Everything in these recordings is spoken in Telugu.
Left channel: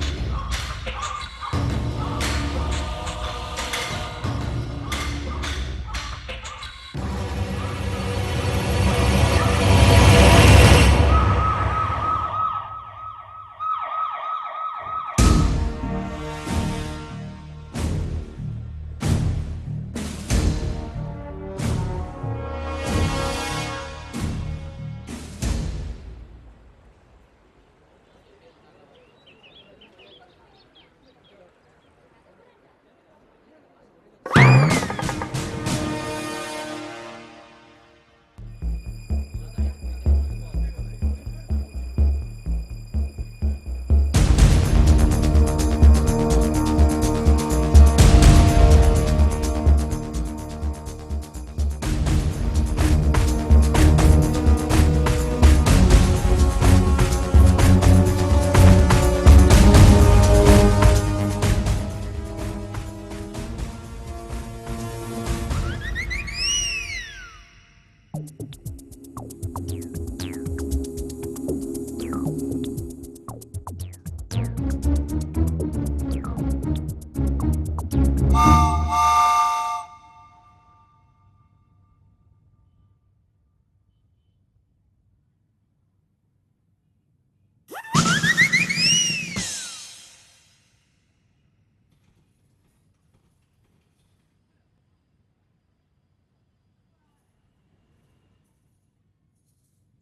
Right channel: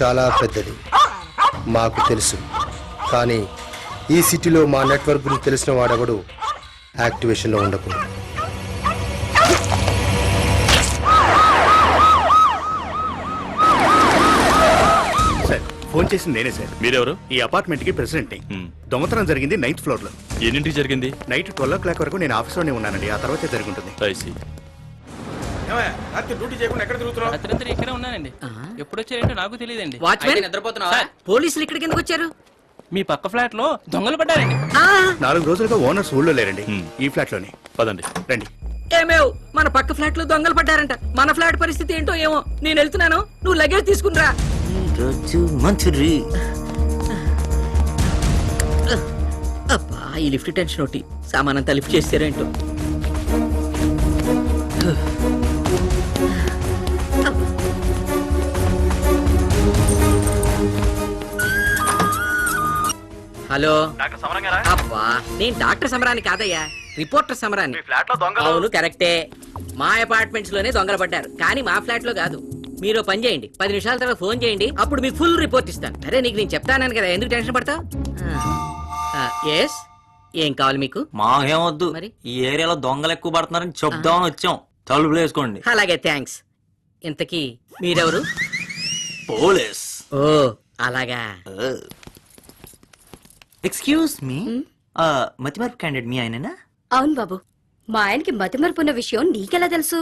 చాలా పెద్దది, మాకు తెలుసు. కానీ ఈ సిటీలో మా నెట్వర్క్ గురించి తెలిసిన వాడెవడు యాక్టివేషన్లో ఉండకూడదు. ఫోన్ చేసింది నేనే సార్. మీరెవరు? ఈ అపార్ట్మెంట్ కి ప్రెసిడెంట్. దొంగతనం జరిగింది 9th ఫ్లోర్ లో. ఎన్నింటికి జరిగింది? నైట్ 12 o'clock వరకు నేను ఆఫీస్లోనే ఉన్నానండి. ఆ తర్వాత జరుగుతుంది. డ్యూటీ చేయకుండా ఎక్కడ తిరుగుతున్నావు? రాత్రి ఇక్కడే ఉన్నానండి. ఎప్పుడు వచ్చారంటే నాకు తెలియదండి. వాచ్మెన్ నిద్రపోతున్నావా? పోలీసులు ఇక్కడికి ఎందుకు వచ్చారు? మీ పక్క ఫ్లాట్ లో దొంగలు పడ్డారు. 4 రోజులుగా ఓనర్స్ ఊళ్ళో లేరండి. ఈ ఫ్లాట్ లోనే. పదండి. రండి. ఏమేవ్, మన పక్క ఫ్లాట్ లో దొంగలు పడ్డారంట. మన ఫ్లాట్ పరిస్థితి ఏంటో ఏమో. నేను వెళ్తున్నాను, నువ్వు లగేజ్ తీసుకునిరా. అబ్బా, ఈ లిఫ్ట్ టెన్షన్ ఒకటి. సామానంతా లిఫ్ట్ చేస్తారేంటో. హలో, అబ్బా నేను డాక్టర్ సమరాన్ని కాదయ్యా, రిపోర్టర్ సమరాన్ని. అవును కరెక్టే, మా అపార్ట్మెంట్స్ లోనే దొంగలు పడ్డారు, కానీ మా ఫ్లాట్ లో కాదు. మీరు పని చేయండి, 10 నిమిషాల తర్వాత ఫోన్ చేయండి, అప్పుడు మీకు ఫుల్ రిపోర్ట్ ఇస్తాను. అరే నీకు నేను చెప్తాను కదా, ఎందుకు టెన్షన్ పడతావు? ఏం కావాలి మీకు? మాకేమొద్దు, మరి ఈ ఏరియాలో దొంగలు ఎక్కువ పడుతున్నారని చెప్దామని వచ్చాం. తలుపులు వేసుకోండి. అలాగే, థ్యాంక్స్. ఇంతకీ మీరెవరు? పోలీస్. ఓ అలాగా. ఎక్స్క్యూజ్ మీ, మతిమరుపు క్యాండిడేట్ మీ ఆయననా? అవును బాబు, మా ఆయనకి మతిమరుపున్న విషయం నీకెలా తెలుసు?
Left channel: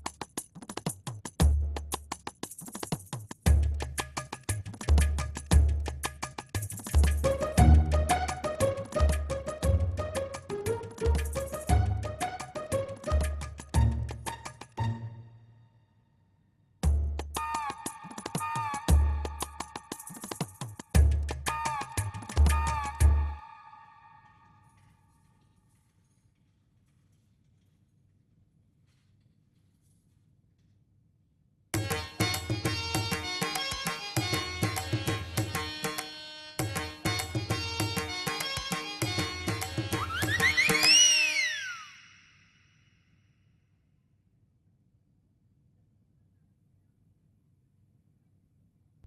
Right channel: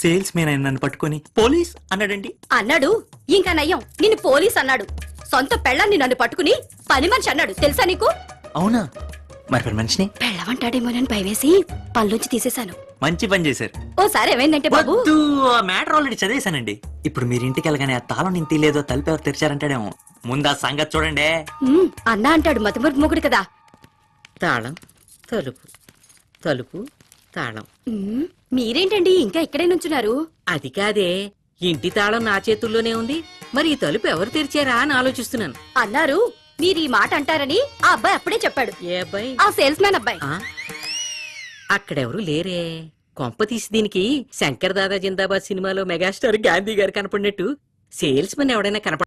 సేల్స్ మెన్ ఆయన నన్ను పట్టుకొని పోలీస్ అన్నాడండి. అన్నాడు, ఇంకా నయ్యం నిన్ను పోలీస్ అన్నాడు. సొంత పెళ్ళాన్ని నన్ను పట్టుకుని పని మనిషి అన్నాడు, తెలుసా నీకు? అవునా? మరి మనిషిని పెళ్ళవంటాడేమోనని భయవేసి పళ్ళొచ్చి తీసేశాను. మంచి పని చేశారు. ఓసారి ఏమైందంటే బాబు, మ్యాటర్ ఆల్రెడీ చదివేశానండి. ఇప్పుడు మీరు ఇంటికి వెళ్ళగానే ఆ తాళం నేను తీయలేదో, తలుపు ఎవరు తెరిచారంటాడేమో. ముందు ఆ సంగతి చూడండి. అన్నా అంటాడు మతిమరుపు మొగుడు కదా. తాళం, తలుపు, తలుపు, తాళం. మీరేంటండి ఇంకా ఇక్కడే నుంచున్నారు? అది కాదే, ఇంటి తాళం నా చేతుల్లోనే ఉంది, మరి ఈ తలుపు ఎవరు తెరిచారా అని ఆలోచిస్తున్నాను. అన్నారు, మీరు ఈ మాట అంటారని ఆ అబ్బాయి అప్పుడే చెప్పాడు. ఏ అబ్బాయి? ఆ సేల్స్ మ్యాన్ అబ్బాయి. అక్కడెవరు లేరే. కొంప తీసి దీనికి శంకర్ దాదా జిందాబాద్ సినిమాలో మెగాస్టార్ గాంధీ గారు కనపడినట్టు సేల్స్ మెన్ ఎవడైనా కనపడ